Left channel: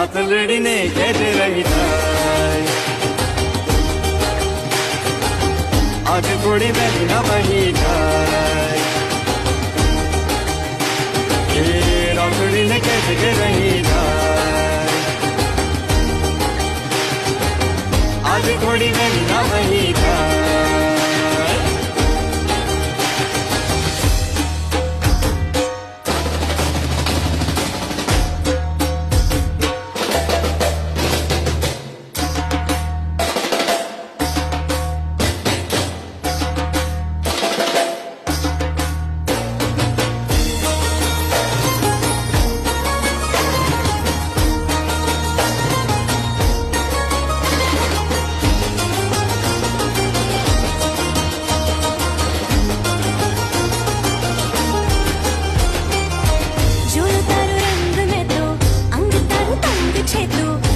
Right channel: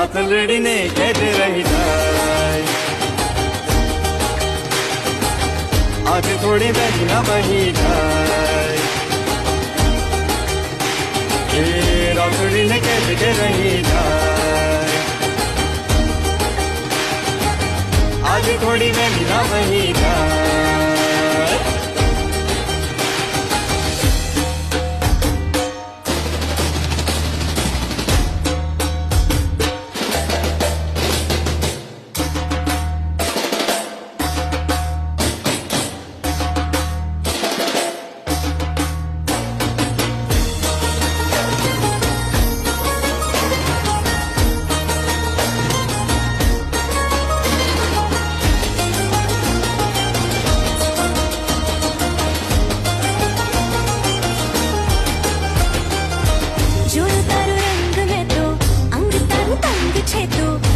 રાતલડીને કેદ રહી જાય આજે થોડી વહેલી ના બહી જાય એ રાતલડીને કેદ કે રહી જાય આજે થોડી વહેલી ના બહી જાય જોયું તારો રંગ મેં તો અંગ તારું તંગ છે તું